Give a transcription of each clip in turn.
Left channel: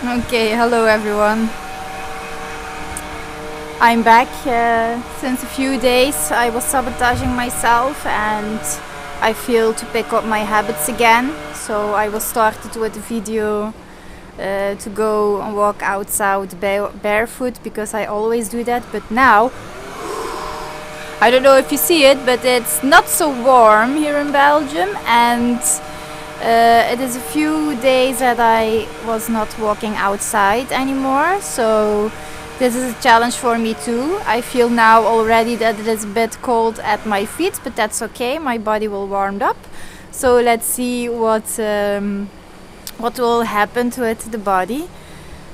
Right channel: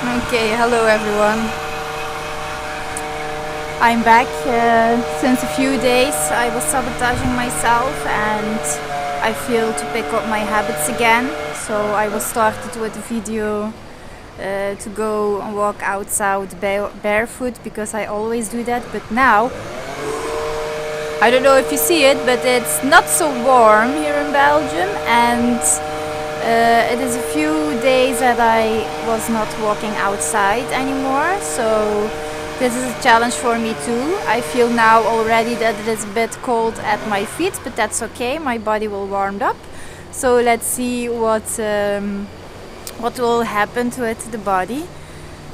Okay, hello everyone. I'm back. Since a few days I was sabotaging myself and I feel to pick up my habits again. So I was started with a video to go and walk outside barefoot because I always do that. But now, I don't know if you see it, but it's not so warm here in Belgium and it is a few days that I was not walking outside anymore, so this is a challenge for me too. I feel now already that it is a bit cold at my feet, but that's okay, my body will warm up. So let's see what will happen to the body.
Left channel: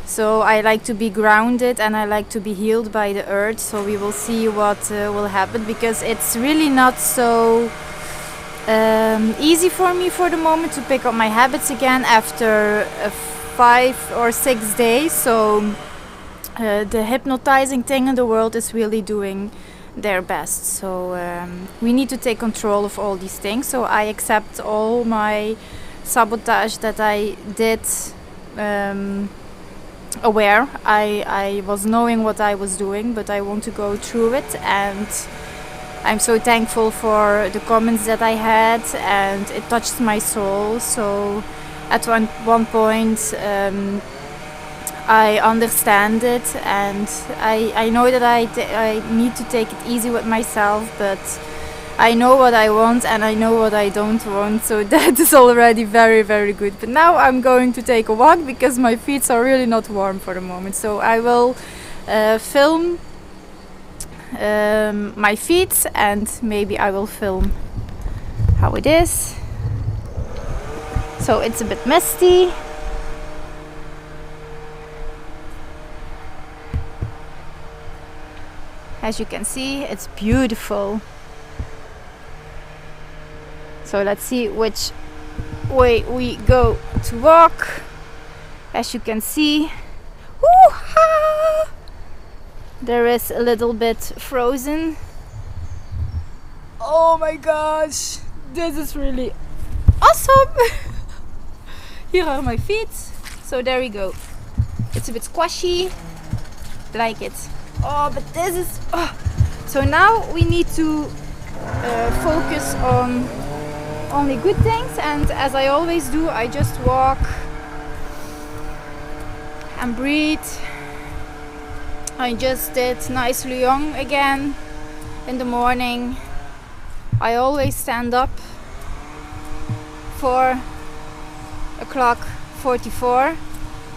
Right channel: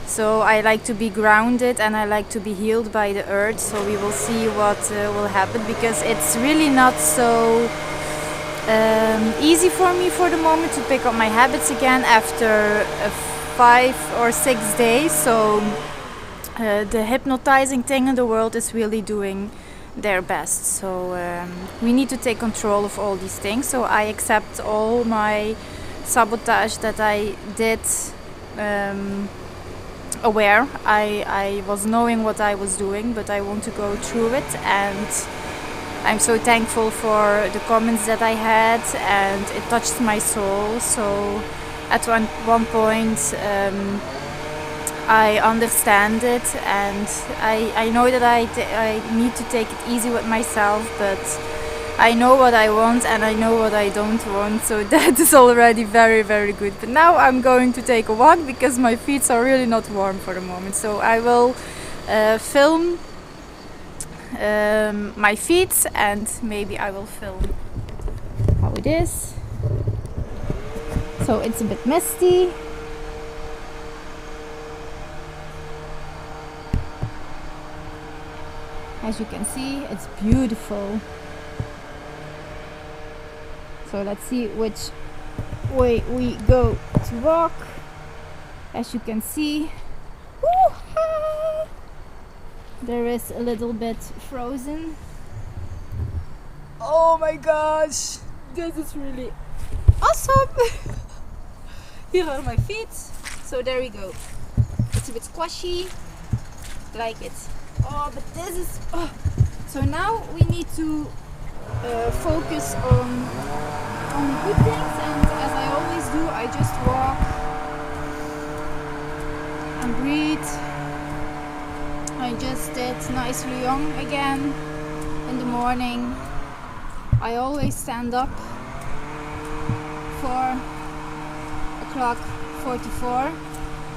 So I like to be grounded and I like to be healed by the earth, so we will see what will happen, because it's really not so easy for me for the moment to pick up my habits again after 5 or 6 days. So the hypnotizing thing in the world is really doing their best. So we need to take control of all these things. So I accept all my sabotage that I did aware. I was knowing what I was doing, but I want to go through it, and I'm so thankful for the comments that I had, and it touched my soul. So at one point I understand it, and I know that I need to take it easy with myself, but I know what I want and I know what I don't want, so that is already very, very good. But now I'm going to take a walk because my feet are really not warm for the moment. So I will film my feet, and maybe I will film how it is. So it's a bit misty. As you can see, it's beautiful. So let's see which way we go to walk. As you can see, woo-ha! There is a little bit frozen. Oh my gosh, this is really awesome. Here are my feet. So there we go. It's a bit squashy, like it. Oh, but this is so now we need to focus on only good things, and as I always do, I just walk and breathe. I just did nice Lyon again in the morning. I always stand up 4:44,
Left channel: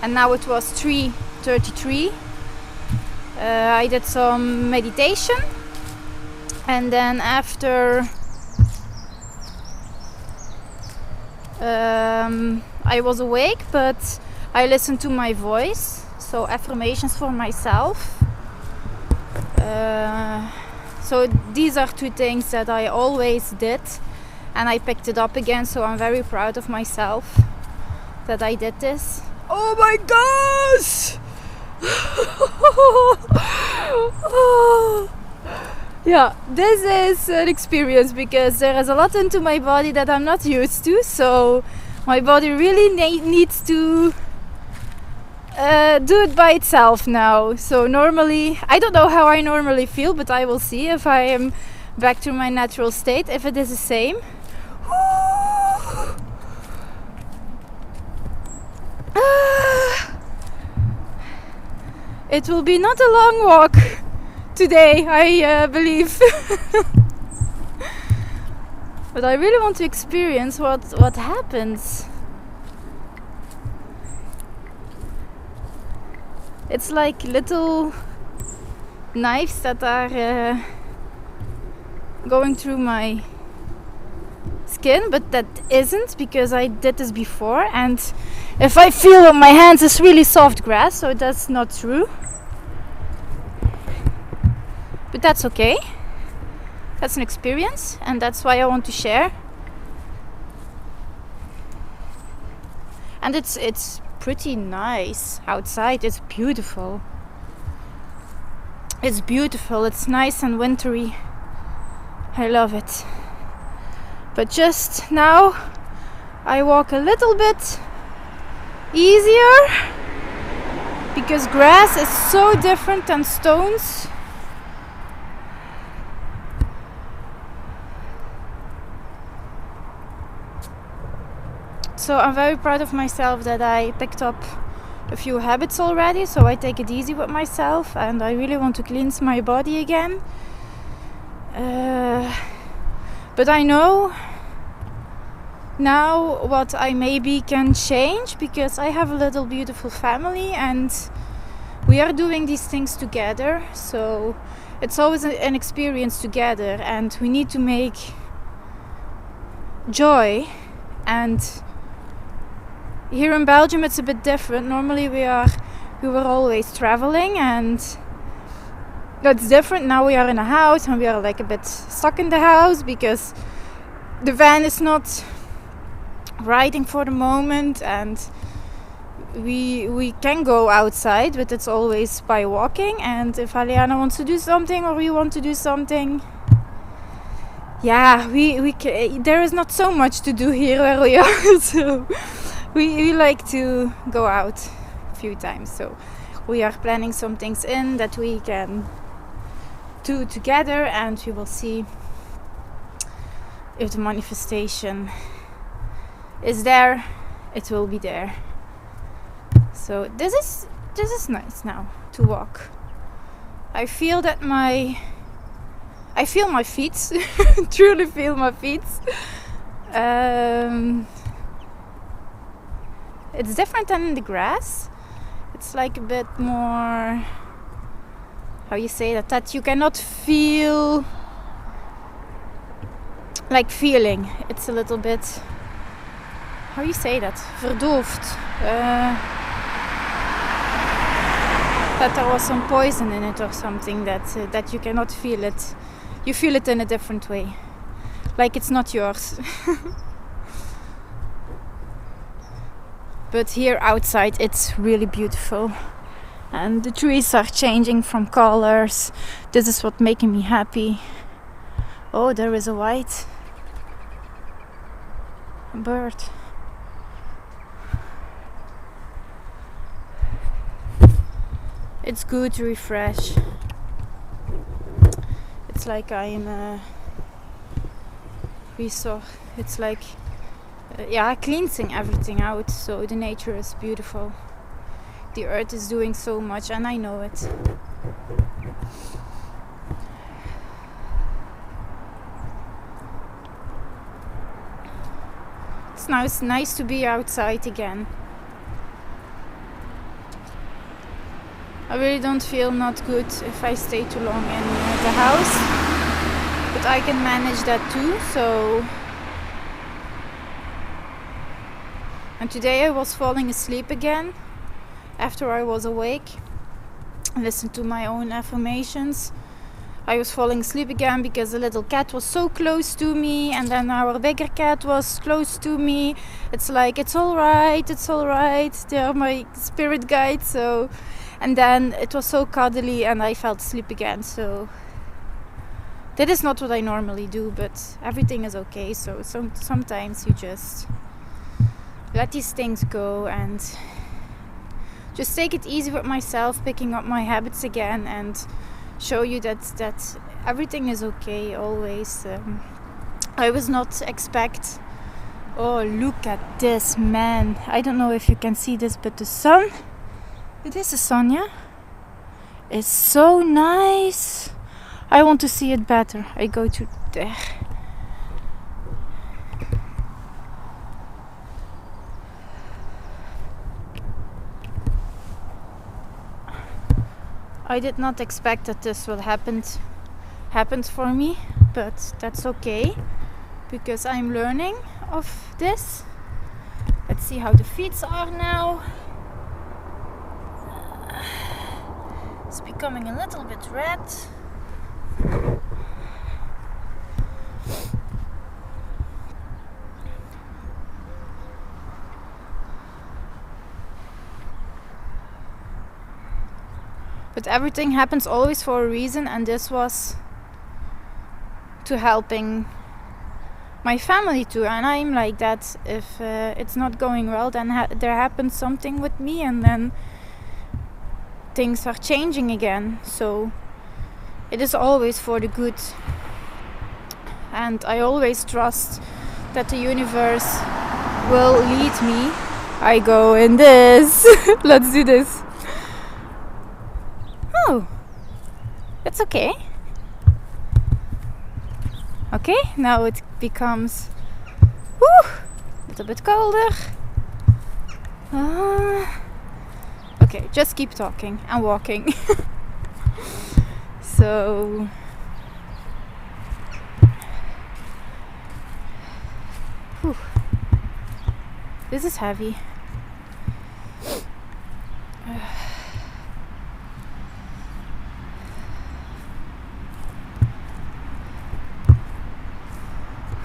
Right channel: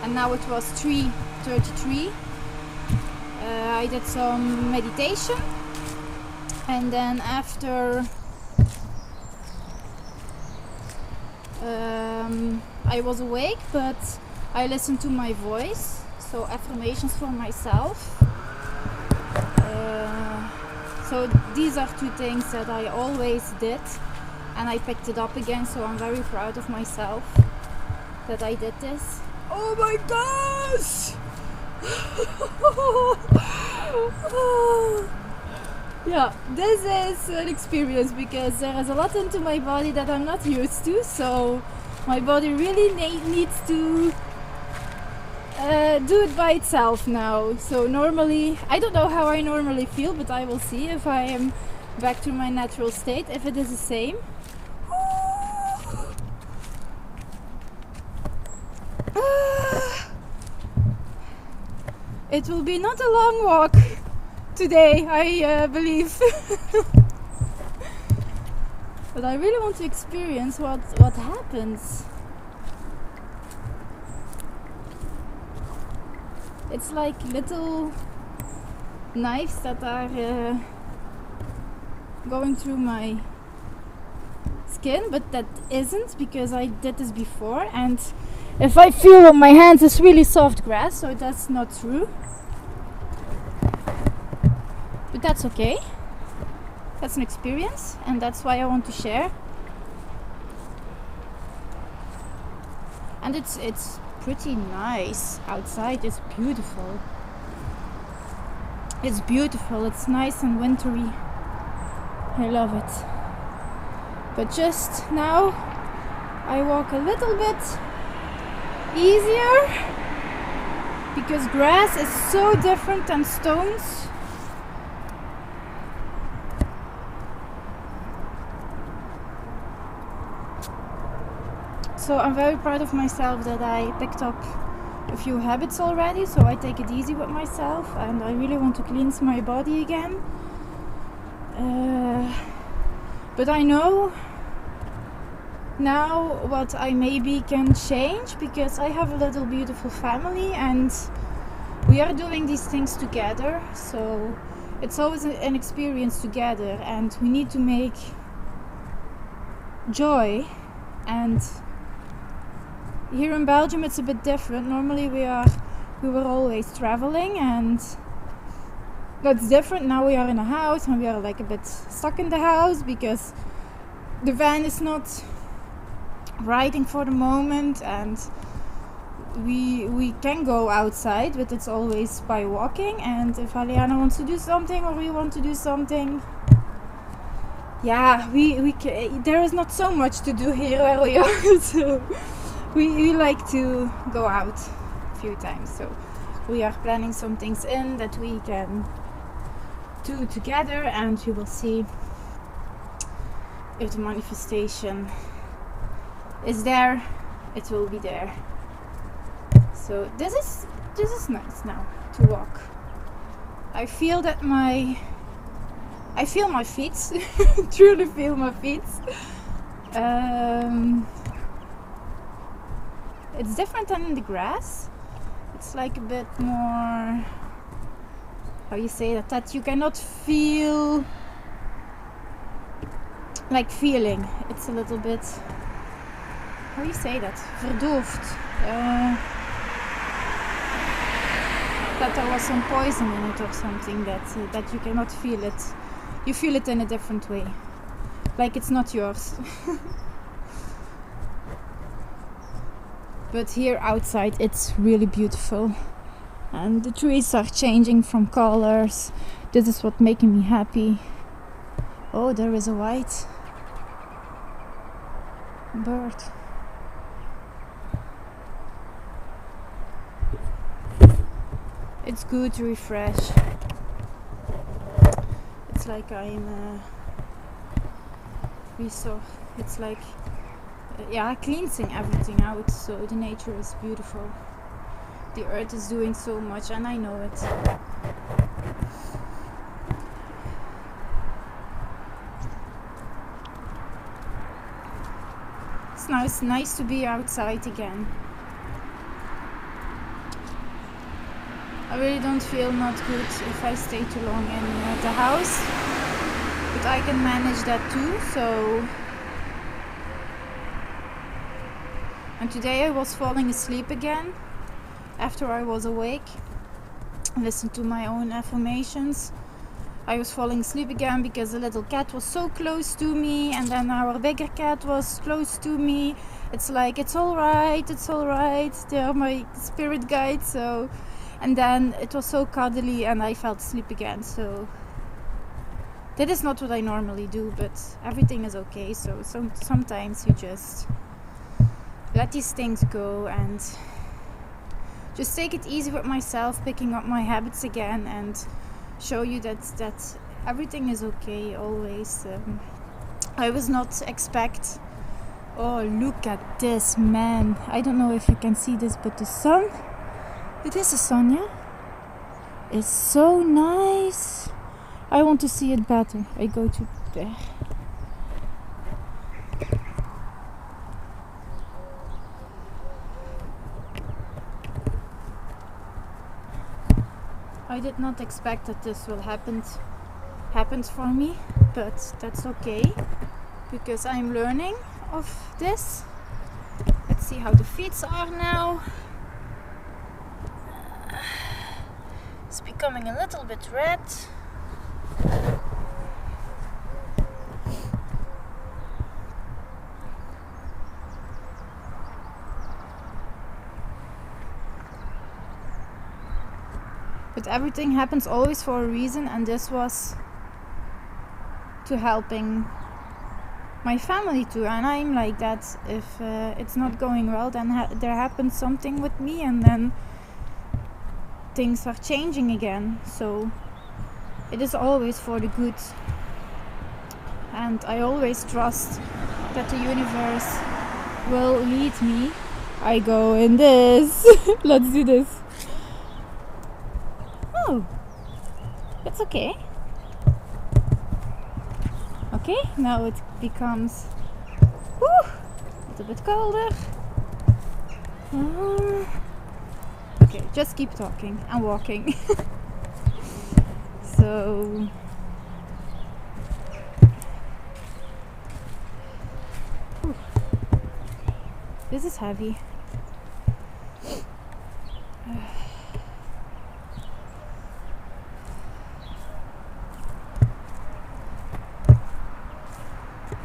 and now it was 3:33. I did some meditation, and then after I was awake, but I listened to my voice, so affirmations for myself. So these are two things that I always did, and I picked it up again, so I'm very proud of myself that I did this. Oh my gosh! Yeah, this is an experience because there is a lot into my body that I'm not used to, so my body really needs to do it by itself now. So normally, I don't know how I normally feel, but I will see if I am back to my natural state, if it is the same. It will be not a long walk today, I believe. But I really want to experience what happens. It's like little knives that are going through my skin, but that isn't, because I did this before, and if I feel on my hands, it's really soft grass, so that's not true. But that's okay. That's an experience, and that's why I want to share. And it's pretty nice outside. It's beautiful. It's beautiful. It's nice and wintry. I love it. But just now I walk a little bit easier because grass is so different than stones. So I'm very proud of myself that I picked up a few habits already, so I take it easy with myself, and I really want to cleanse my body again. But I know now what I maybe can change, because I have a little beautiful family and we are doing these things together, so it's always an experience together, and we need to make joy. And here in Belgium it's a bit different. Normally we were always traveling, and that's different. Now we are in a house and we are like a bit stuck in the house because the van is not riding for the moment, and we can go outside, but it's always by walking. And if Aliana wants to do something or we want to do something, there is not so much to do here where we are. So we like to go out a few times. So we are planning some things in that we can do together, and we will see if the manifestation is there. It will be there. So this is nice now to walk. I feel my feet. Truly feel my feet. It's different than in the grass. It's like a bit more, how you say that you cannot feel like feeling. It's a little bit, how you say that, verdoofd. That there was some poison in it or something, that you cannot feel it. You feel it in a different way, like it's not yours. But here outside it's really beautiful, and the trees are changing from colors. This is what making me happy. Oh, there is a white bird. It's good to refresh. It's like I'm it's like cleansing everything out. So the nature is beautiful. The earth is doing so much, and I know it. It's nice to be outside again. I really don't feel not good if I stay too long in the house, but I can manage that too. So, and today I was falling asleep again after I was awake. I listened to my own affirmations. I was falling asleep again because the little cat was so close to me, and then our bigger cat was close to me. It's like, it's all right. They are my spirit guides. So, and then it was so cuddly and I fell asleep again. So that is not what I normally do, but everything is okay. So sometimes you just let these things go and just take it easy with myself, picking up my habits again, and show you that everything is okay always. I was not expect. Oh, look at this, man! I don't know if you can see this, but the sun. It is the sun, yeah? It's so nice. I want to see it better. I go to there. I did not expect that this will happen for me, but that's okay because I'm learning of this. Let's see how the feet are now. It's becoming a little bit red. But everything happens always for a reason, and this was to helping my family too. And I'm like that. If it's not going well, then there happens something with me, and then things are changing again, so it is always for the good. And I always trust that the universe will lead me. I go in this. Let's do this. Oh, that's okay. Okay, now it becomes a little bit colder. Okay, just keep talking and walking. So this is heavy.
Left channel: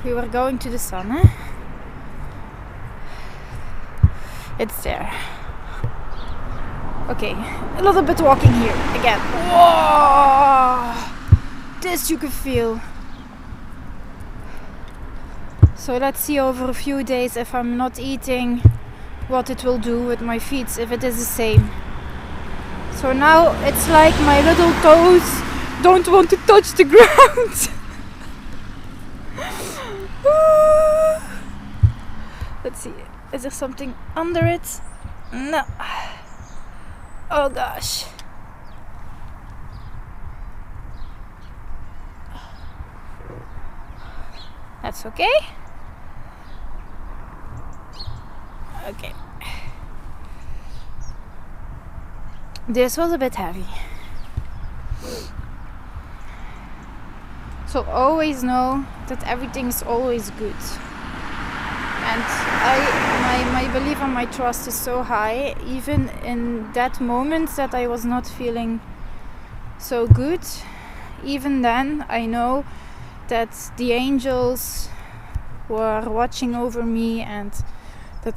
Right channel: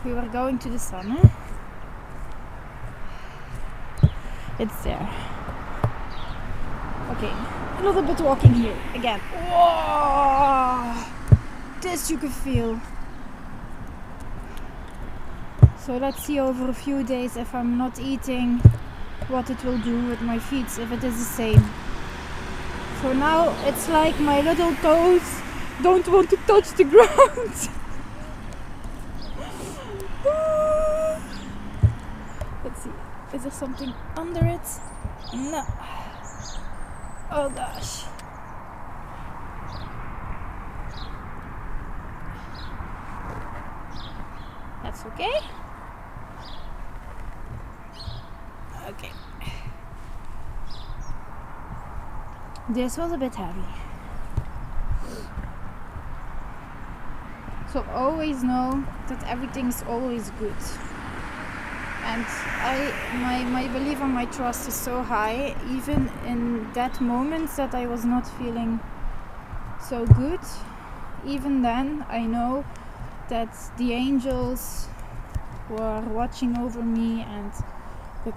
We were going to the sun, eh? It's there. Okay, a little bit walking here again. Whoa! This you can feel. So let's see over a few days if I'm not eating, what it will do with my feet, if it is the same. So now it's like my little toes don't want to touch the ground. Let's see, is there something under it? No. Oh gosh. That's okay. Okay. This was a bit heavy. So always know that everything is always good. And my belief and my trust is so high, even in that moment that I was not feeling so good. Even then, I know that the angels were watching over me and that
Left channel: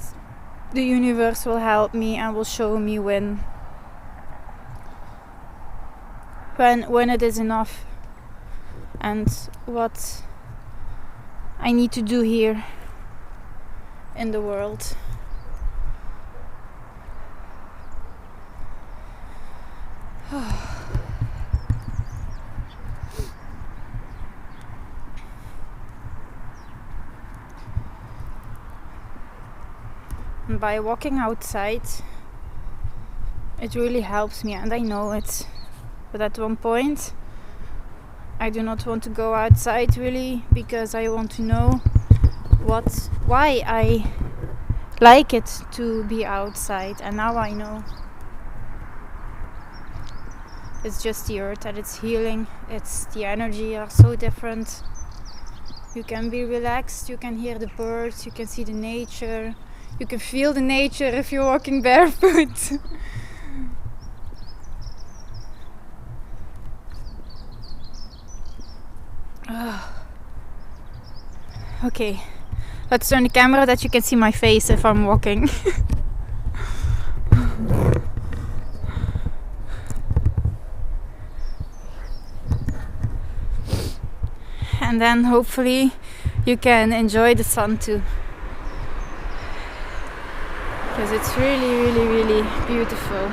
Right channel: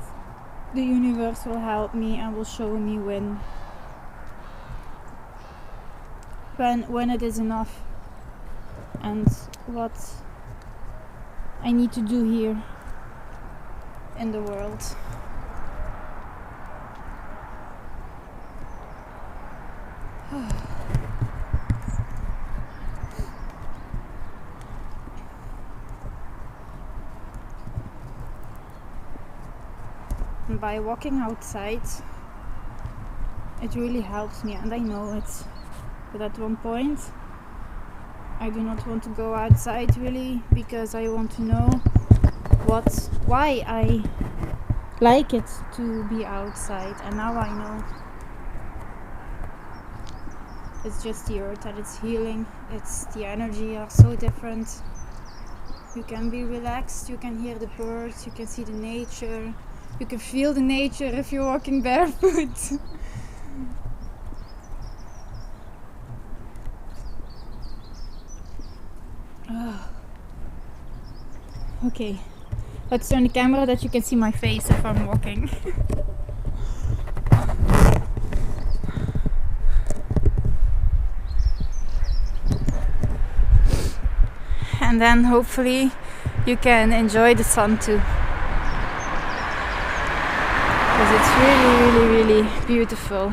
the universe will help me and will show me when it is enough and what I need to do here in the world. And by walking outside, it really helps me, and I know it. But at one point, I do not want to go outside really, because I want to know why I like it to be outside, and now I know. It's just the earth and it's healing. It's the energy are so different. You can be relaxed, you can hear the birds, you can see the nature, you can feel the nature if you're walking barefoot. Okay, let's turn the camera that you can see my face if I'm walking. And then hopefully you can enjoy the sun too, because it's really beautiful.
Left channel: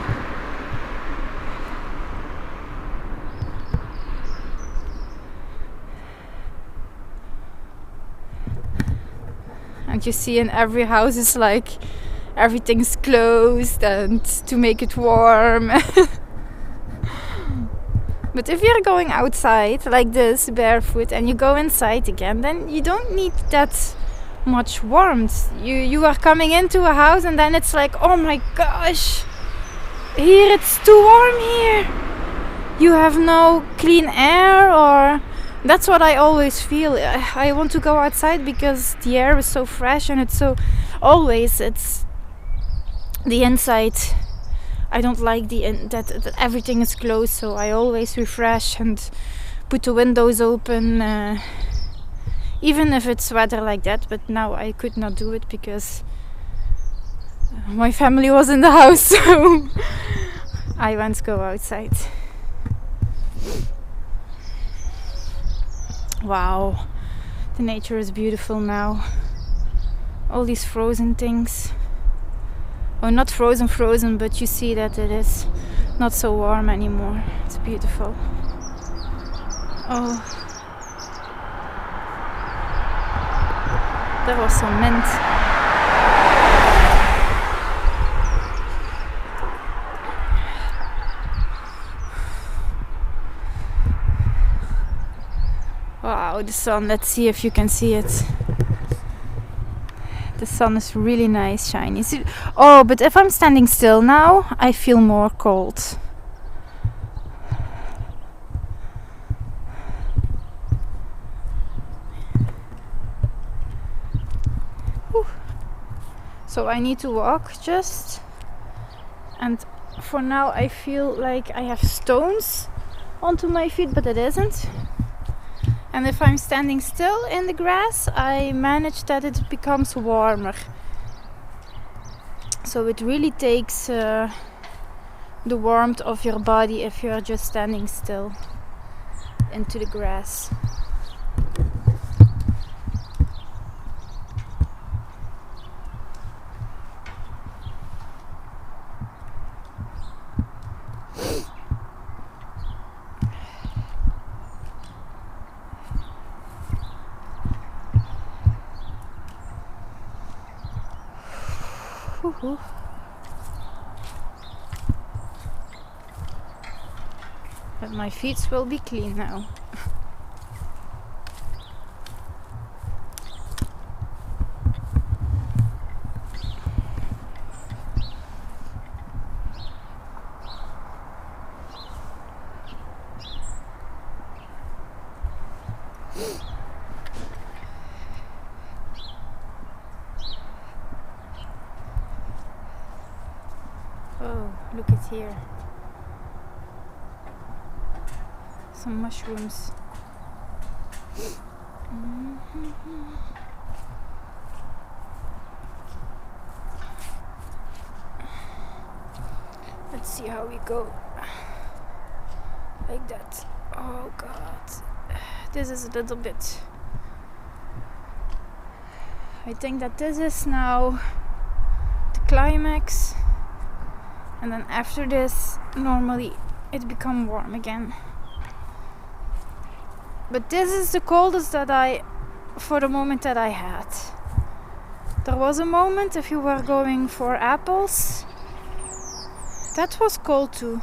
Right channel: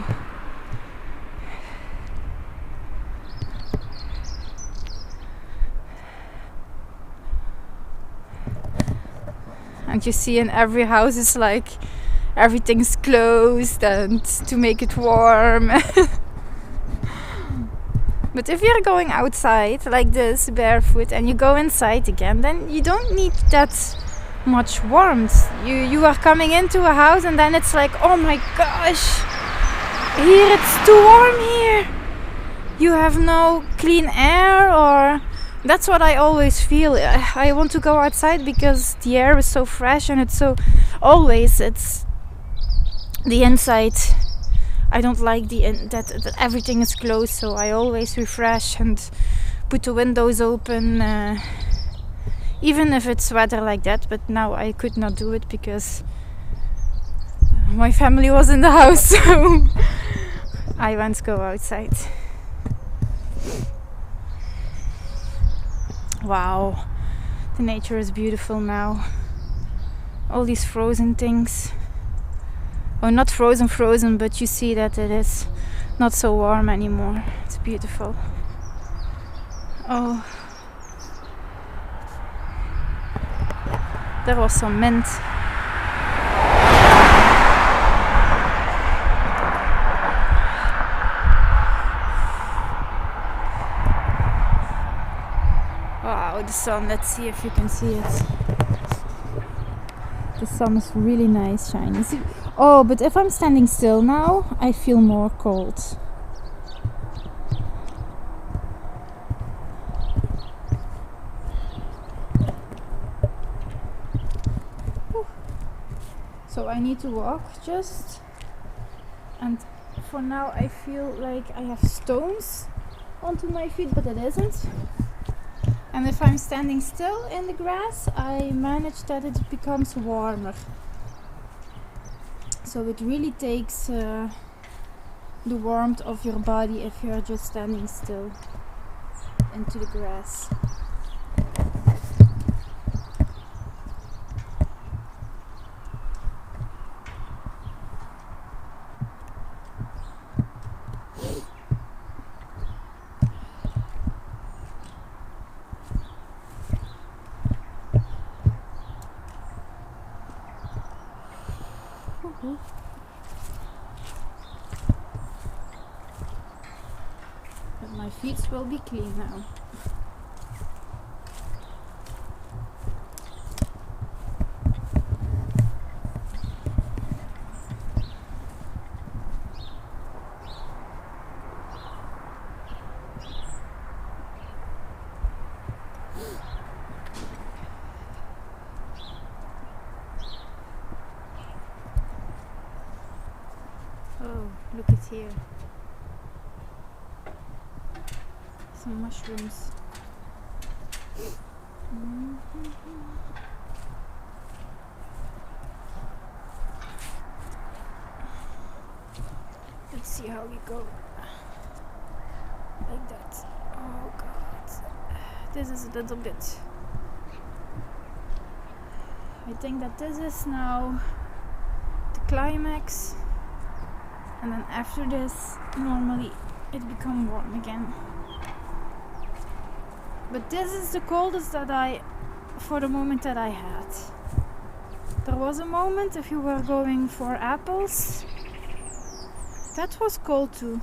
And you see in every house it's like everything's closed and to make it warm. But if you're going outside like this barefoot and you go inside again, then you don't need that much warmth. You are coming into a house and then it's like, oh my gosh, here it's too warm here. You have no clean air, or that's what I always feel. I want to go outside because the air is so fresh and it's so it's the inside. I don't like that everything is closed, so I always refresh and put the windows open, even if it's weather like that. But now I could not do it because my family was in the house, so I went to go outside. Wow, the nature is beautiful now. All these frozen things. Oh, not frozen, but you see that it is not so warm anymore. It's beautiful. Oh, there was some mint. Wow, the sun, let's see if you can see it. The sun is really nice, shiny. Oh, but if I'm standing still now, I feel more cold. Whew. So I need to walk just. And for now I feel like I have stones onto my feet, but it isn't. And if I'm standing still in the grass, I manage that it becomes warmer. So it really takes the warmth of your body if you're just standing still into the grass. But my feet will be clean now. Oh, look at here. Some mushrooms. Let's see how we go. Like that. Oh God. This is a little bit. I think that this is now the climax. And then after this, normally it becomes warm again. But this is the coldest that for the moment that I had. There was a moment if you were going for apples, that was cold too.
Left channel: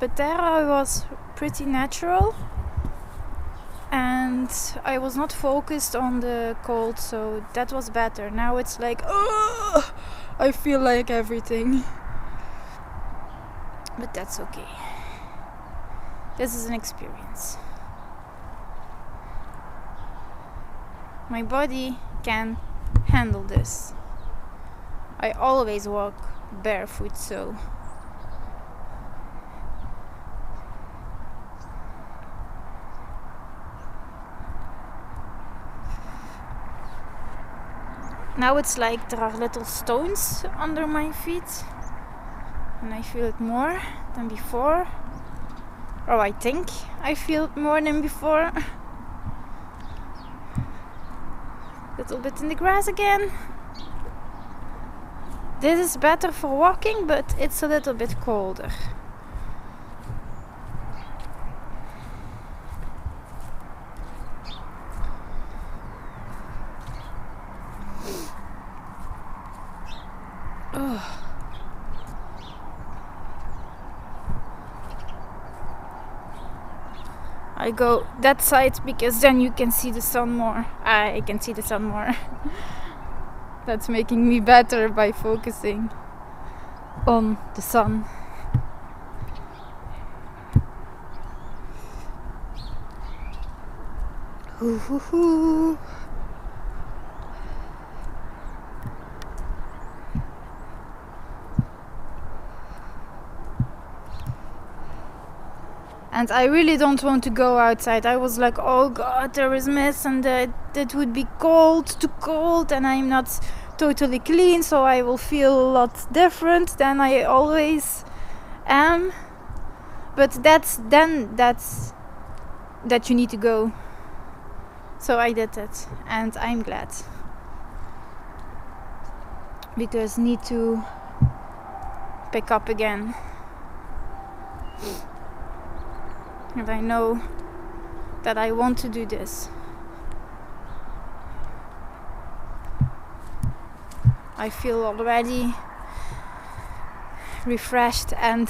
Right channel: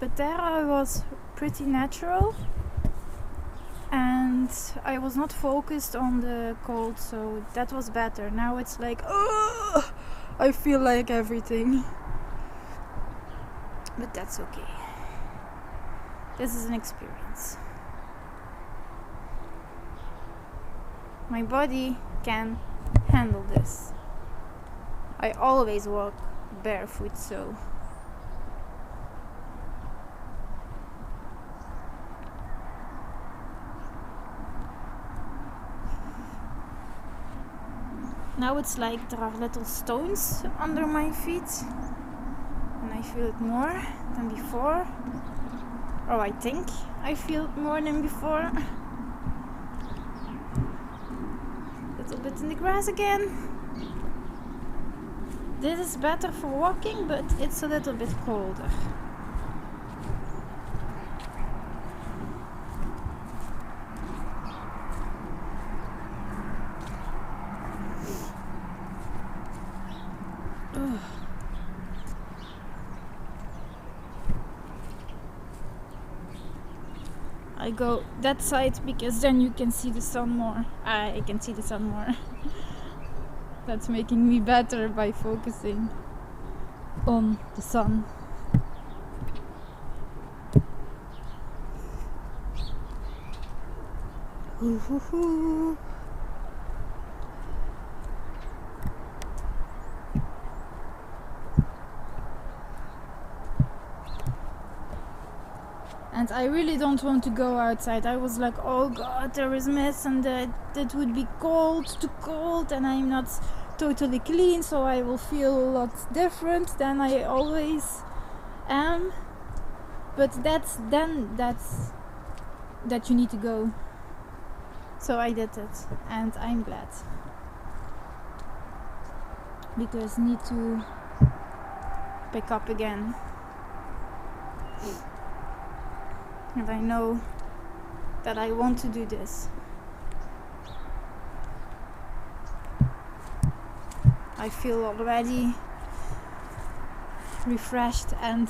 But there I was pretty natural. And I was not focused on the cold, so that was better. Now it's like, oh, I feel like everything. But that's okay. This is an experience. My body can handle this. I always walk barefoot, so now it's like there are little stones under my feet. And I feel it more than before. Or I think I feel it more than before. Little bit in the grass again. This is better for walking, but it's a little bit colder. I go that side because then you can see the sun more. I can see the sun more. That's making me better by focusing on the sun. Hoo hoo hoo. And I really don't want to go outside. I was like, oh God, there is mist and it would be too cold, and I'm not totally clean, so I will feel a lot different than I always am. But that's that you need to go. So I did it, and I'm glad. Because need to pick up again. And I know that I want to do this. I feel already refreshed, and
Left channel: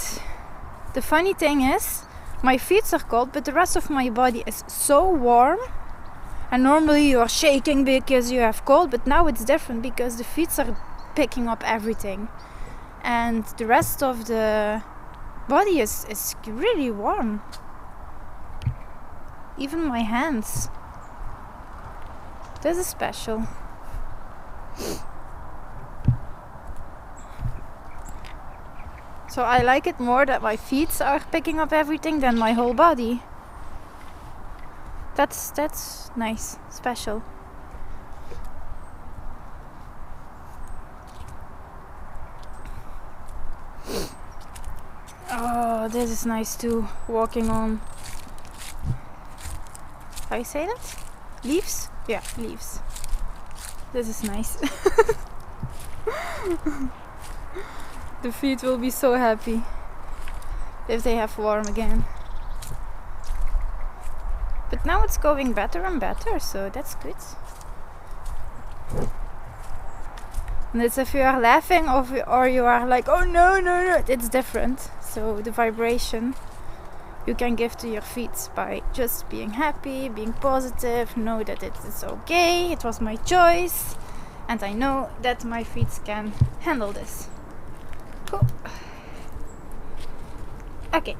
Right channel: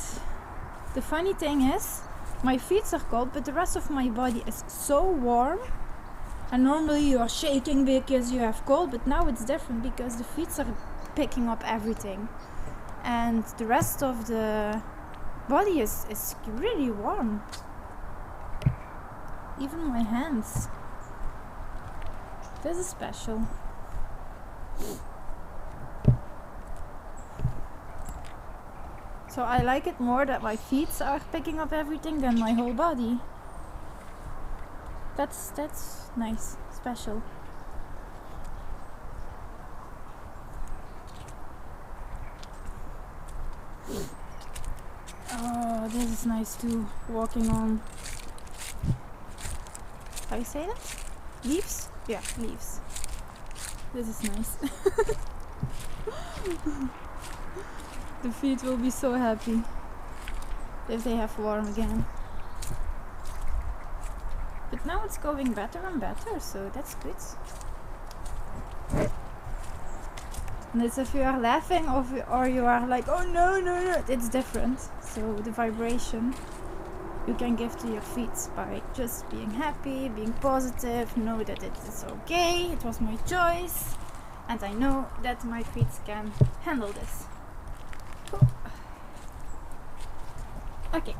the funny thing is, my feet are cold, but the rest of my body is so warm. And normally you are shaking because you have cold, but now it's different because the feet are picking up everything. And the rest of the body is really warm. Even my hands. This is special. So I like it more that my feet are picking up everything than my whole body. That's nice, special. Oh, this is nice too, walking on, how you say that? Leaves? Yeah, leaves. This is nice. The feet will be so happy if they have warm again. But now it's going better and better, so that's good. And it's if you are laughing or you are like, oh no, it's different. So the vibration you can give to your feet by just being happy, being positive, know that it is okay, it was my choice, and I know that my feet can handle this. Cool. Okay.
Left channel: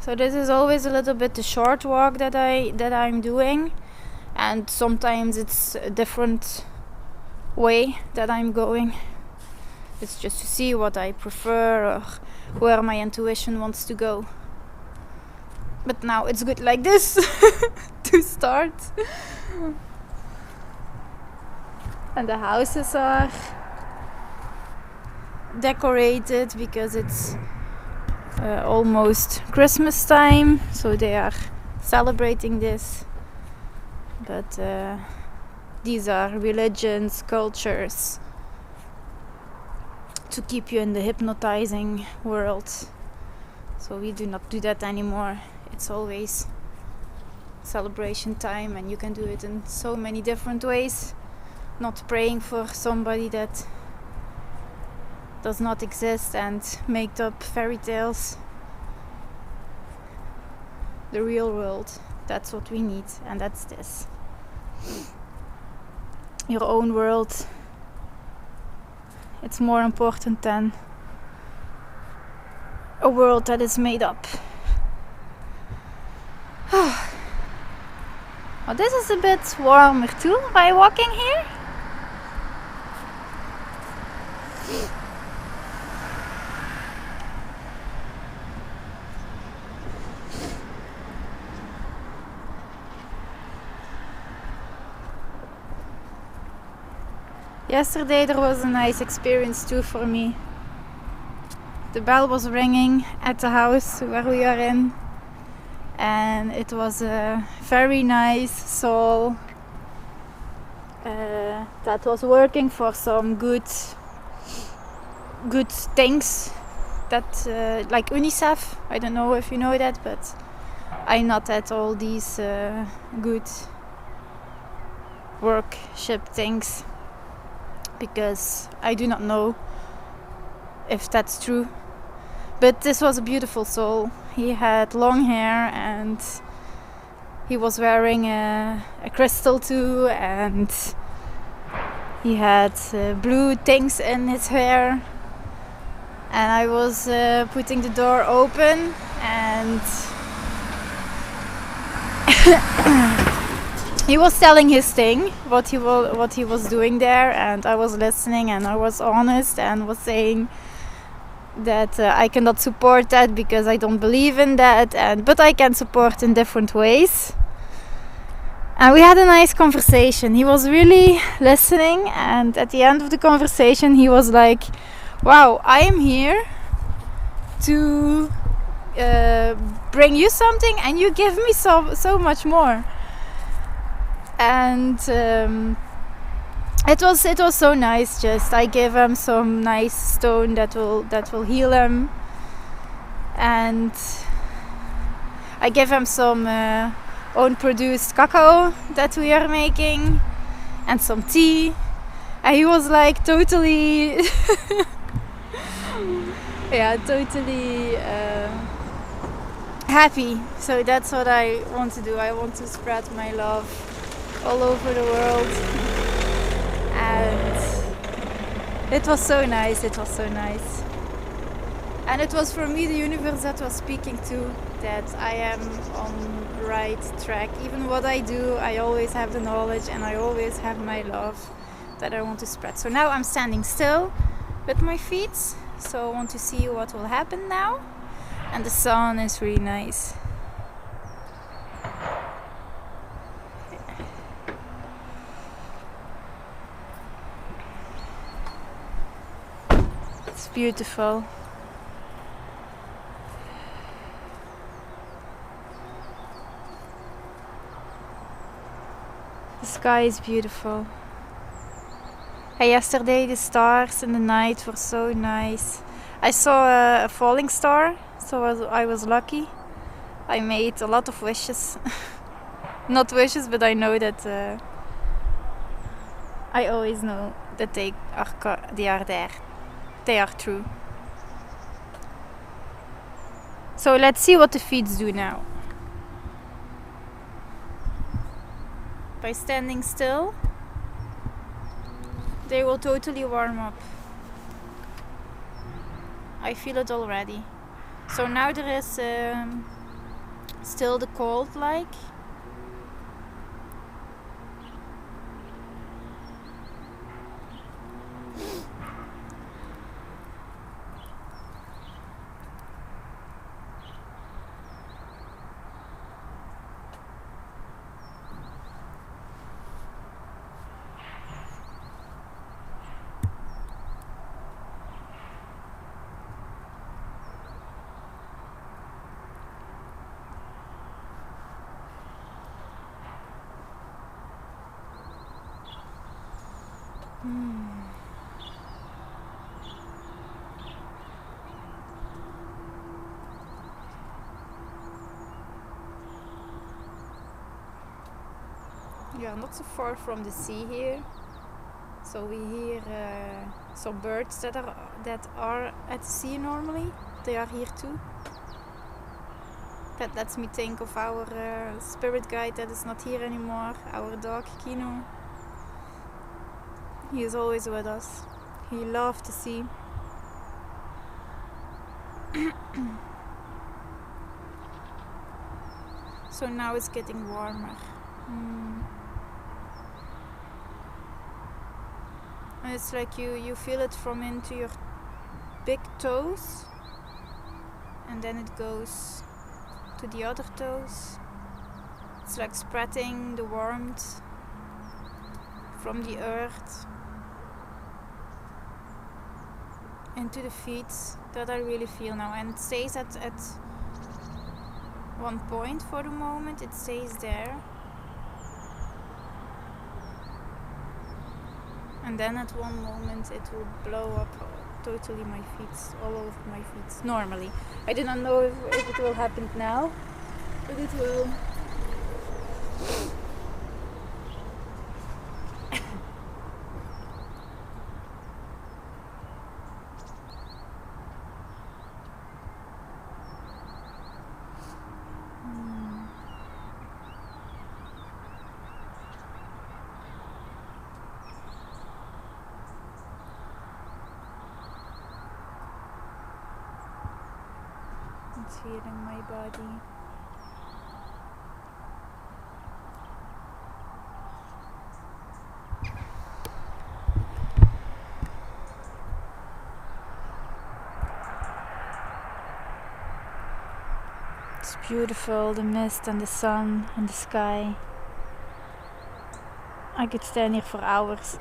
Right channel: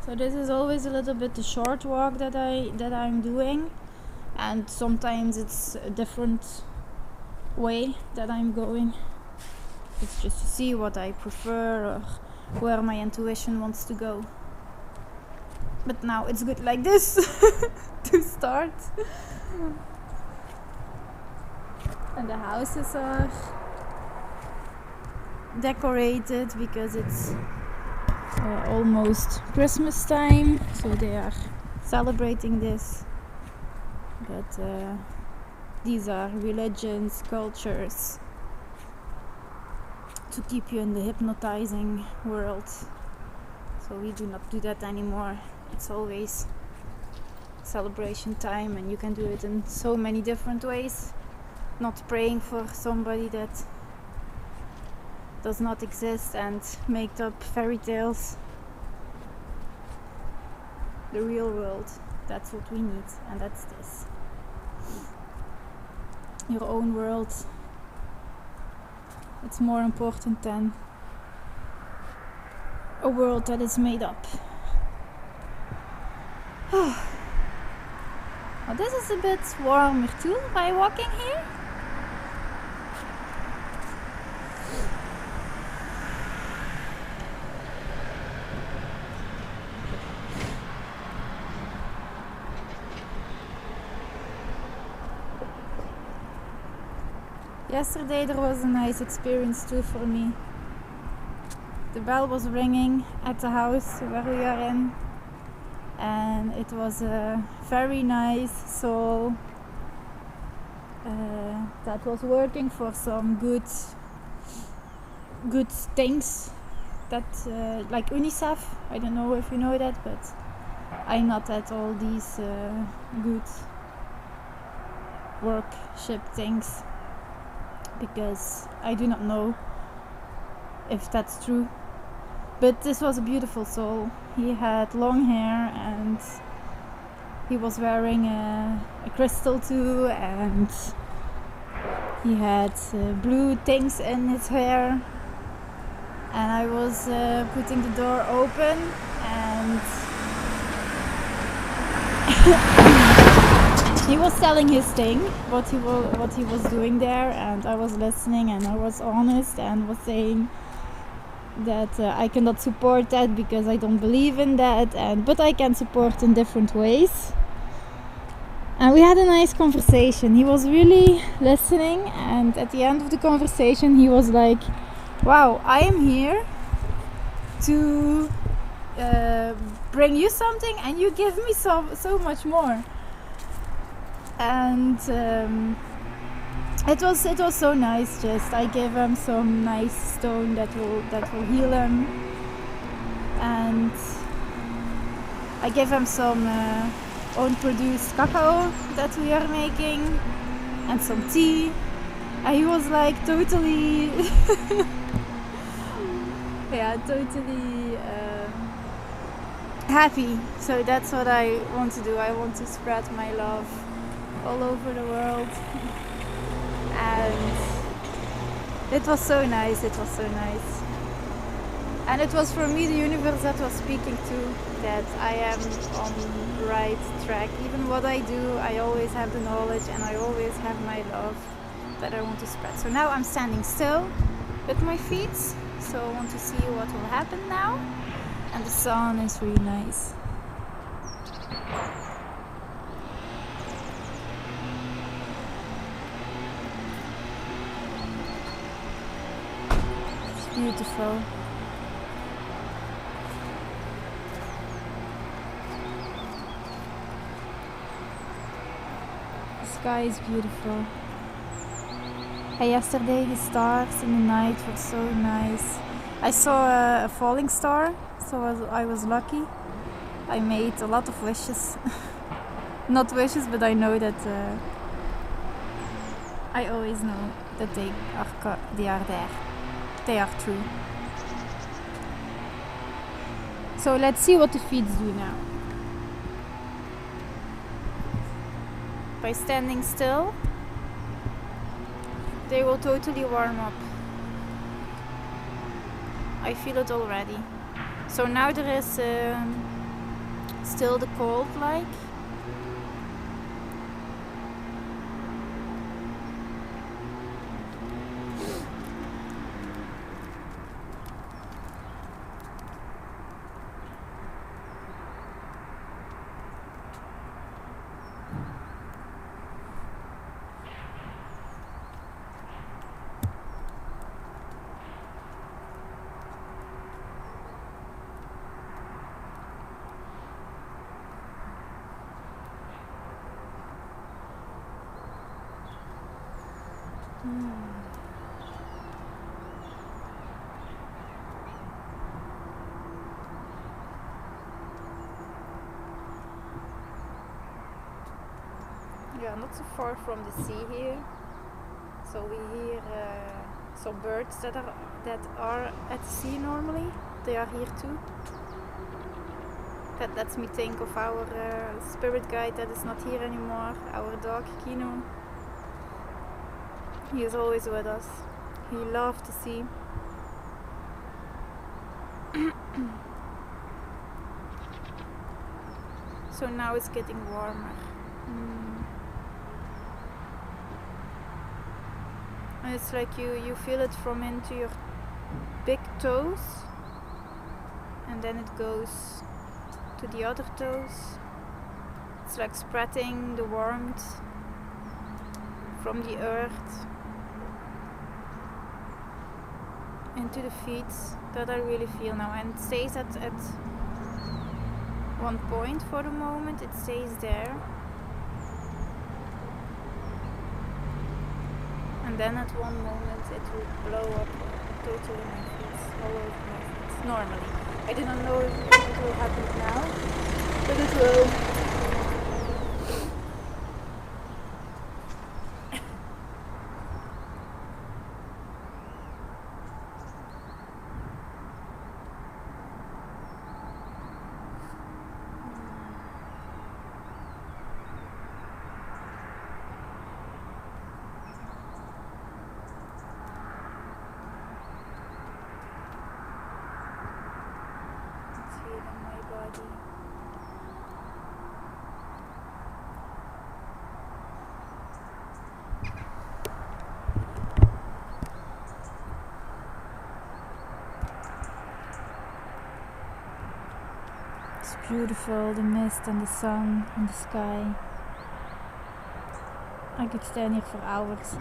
So this is always a little bit the short walk that I'm doing, and sometimes it's a different way that I'm going. It's just to see what I prefer or where my intuition wants to go. But now it's good like this to start. And the houses are decorated because it's almost Christmas time, so they are celebrating this. But these are religions, cultures to keep you in the hypnotizing world. So we do not do that anymore. It's always celebration time, and you can do it in so many different ways. Not praying for somebody that does not exist and make up fairy tales. The real world, that's what we need, and that's this. Your own world, it's more important than a world that is made up. Oh, this is a bit warmer too by walking here. Yesterday there was a nice experience too for me. The bell was ringing at the house where we are in, and it was a very nice soul that was working for some good things that like Unicef. I don't know if you know that, but I not at all these good workship things, because I do not know if that's true. But this was a beautiful soul. He had long hair and he was wearing a crystal too, and he had blue things in his hair. And I was putting the door open, and he was telling his thing, what he was doing there, and I was listening, and I was honest and was saying that I cannot support that because I don't believe in that, but I can support in different ways. And we had a nice conversation. He was really listening, and at the end of the conversation he was like, wow, I am here to bring you something and you give me so much more. and it was so nice. Just I gave him some nice stone that will heal him, and I gave him some own produced cacao that we are making and some tea, and he was like totally yeah, totally happy. So that's what I want to do. I want to spread my love all over the world. And it was so nice, it was so nice. And it was for me the universe that was speaking to, that I am on the right track. Even what I do, I always have the knowledge and I always have my love that I want to spread. So now I'm standing still with my feet. So I want to see what will happen now. And the sun is really nice. It's beautiful. The sky is beautiful. And yesterday the stars in the night were so nice. I saw a falling star, so I was lucky. I made a lot of wishes. Not wishes, but I know that I always know that they are there. They are true. So let's see what the feet do now. By standing still, they will totally warm up. I feel it already. So now there is still the cold like. We are not so far from the sea here, so we hear some birds that are at the sea normally. They are here too. That lets me think of our spirit guide that is not here anymore, our dog Kino. He is always with us. He loved the sea. So now it's getting warmer. And it's like you feel it from into your big toes, and then it goes to the other toes. It's like spreading the warmth from the earth into the feet. That I really feel now, and it stays at one point for the moment. It stays there, and then at one moment it will blow up totally my feet, all over my feet. Normally, I do not know if it will happen now, but it will. Feeling my body. It's beautiful, the mist and the sun and the sky. I could stand here for hours.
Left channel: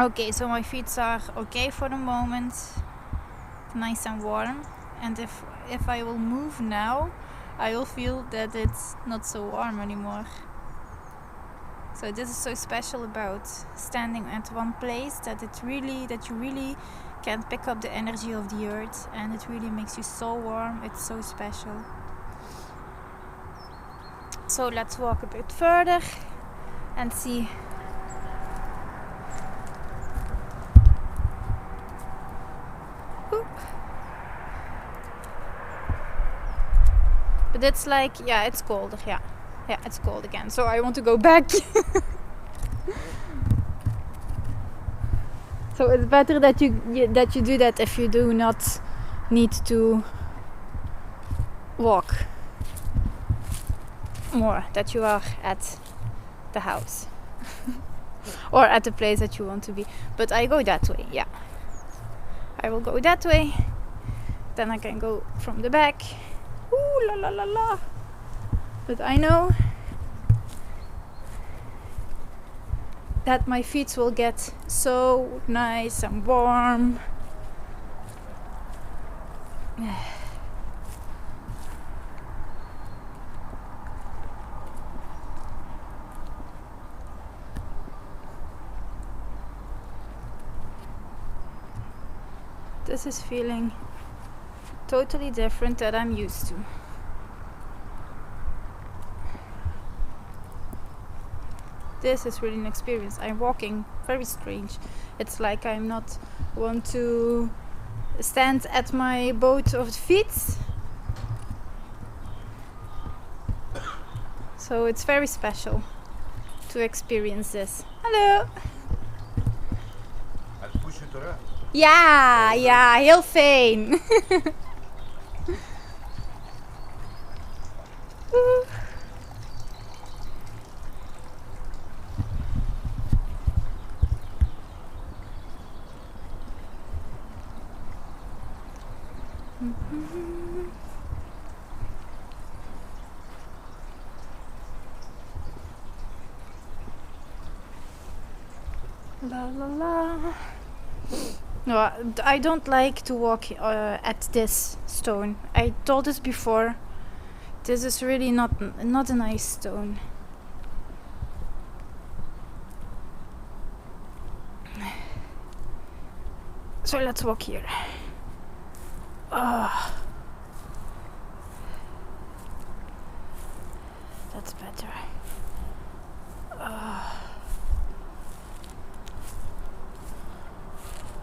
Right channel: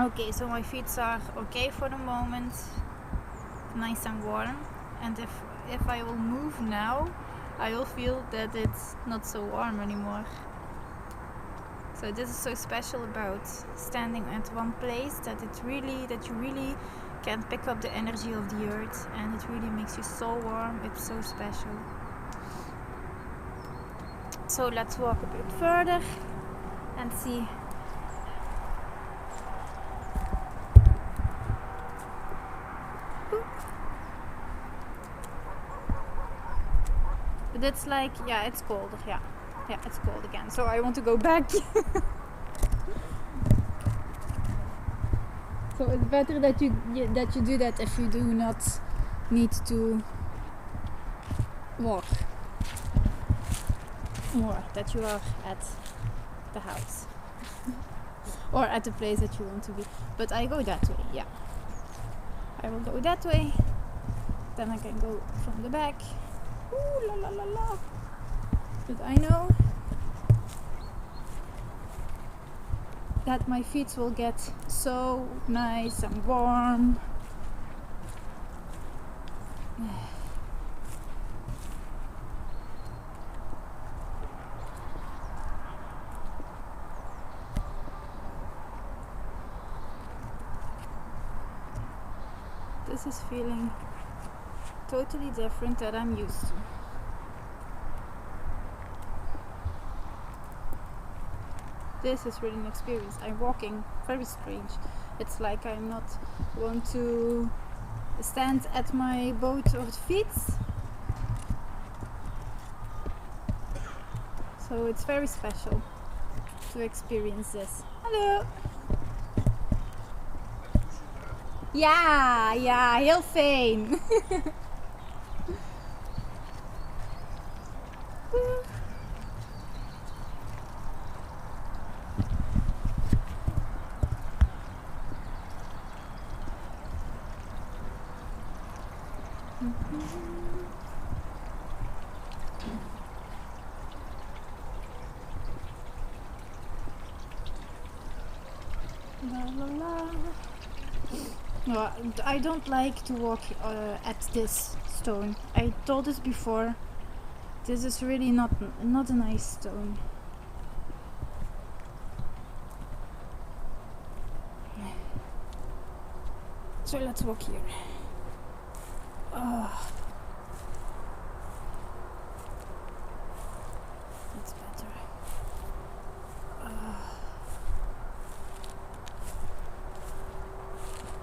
Okay, so my feet are okay for the moment, nice and warm, and if I will move now, I will feel that it's not so warm anymore. So this is so special about standing at one place, that you really can pick up the energy of the earth, and it really makes you so warm. It's so special. So let's walk a bit further and see. Oop. But it's like, yeah, it's colder, yeah, it's cold again, so I want to go back. So it's better that you do that if you do not need to walk more, that you are at the house or at the place that you want to be. But I go that way, yeah, I will go that way, then I can go from the back. Ooh la la la la. But I know that my feet will get so nice and warm. This is feeling totally different that I'm used to. This is really an experience. I'm walking very strange. It's like I'm not want to stand at my both of the feet. So it's very special to experience this. Hallo. Ja, ja, heel fijn. La la la. No, I don't like to walk at this stone. I told this before. This is really not a nice stone. So let's walk here. That's better.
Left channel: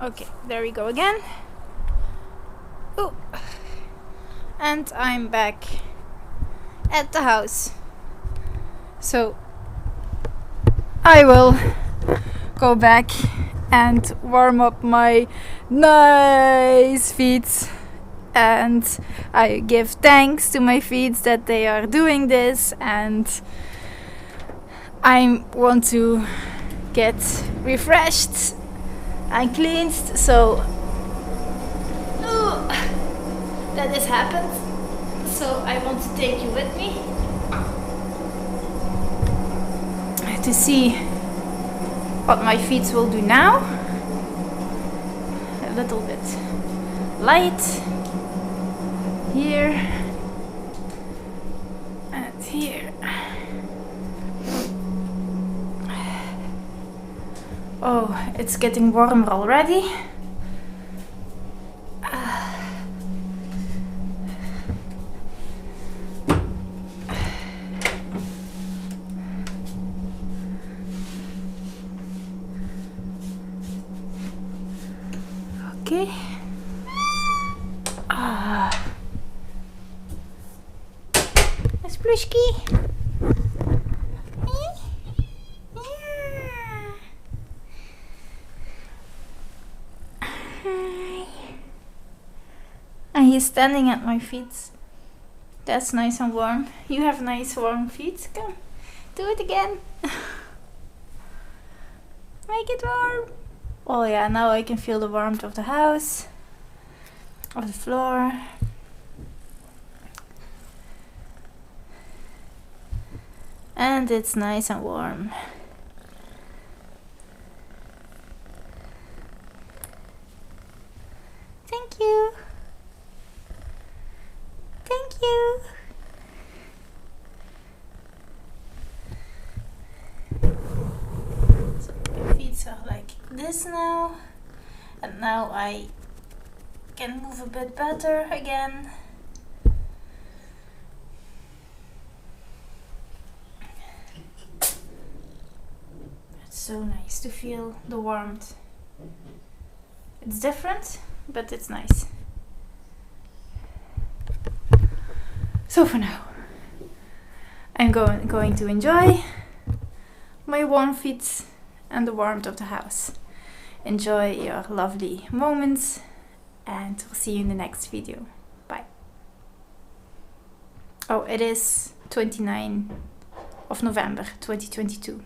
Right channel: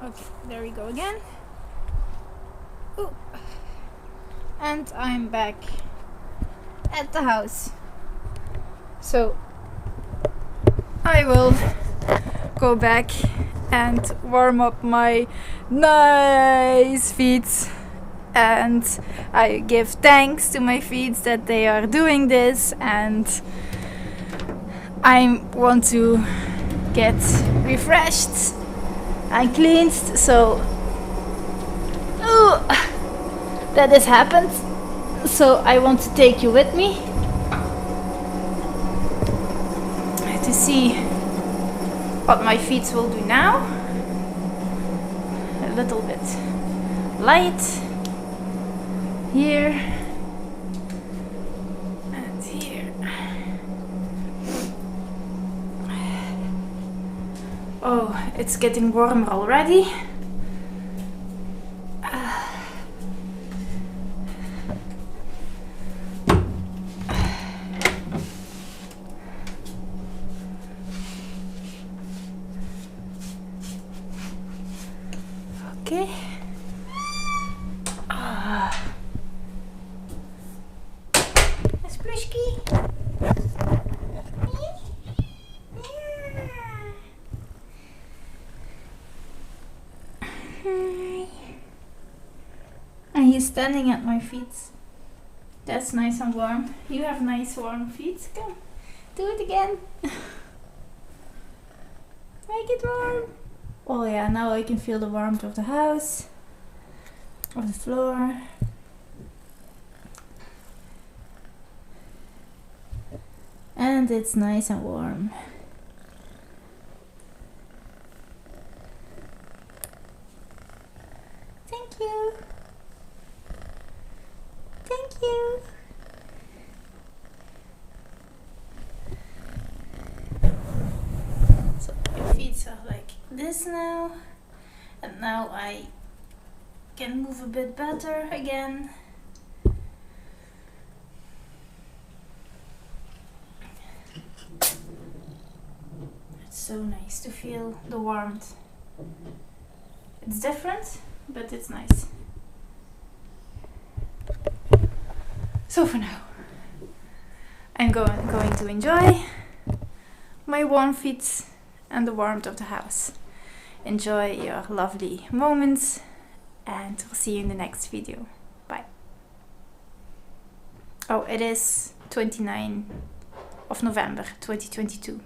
Okay, there we go again. Ooh. And I'm back at the house. So I will go back and warm up my nice feet, and I give thanks to my feet that they are doing this, and I want to get refreshed and cleansed. So that has happened, so I want to take you with me to see what my feet will do now. A little bit light here and here. Oh, it's getting warmer already. Okay. Splushki. And he's standing at my feet. That's nice and warm. You have nice warm feet. Come, do it again. Make it warm. Oh yeah, now I can feel the warmth of the house, of the floor. And it's nice and warm. you. Thank you. So your feet are like this now, and now I can move a bit better again. It's so nice to feel the warmth. It's different, but it's nice. So for now, I'm going to enjoy my warm feet and the warmth of the house. Enjoy your lovely moments, and we'll see you in the next video. Bye. Oh, it is 29th of November 2022.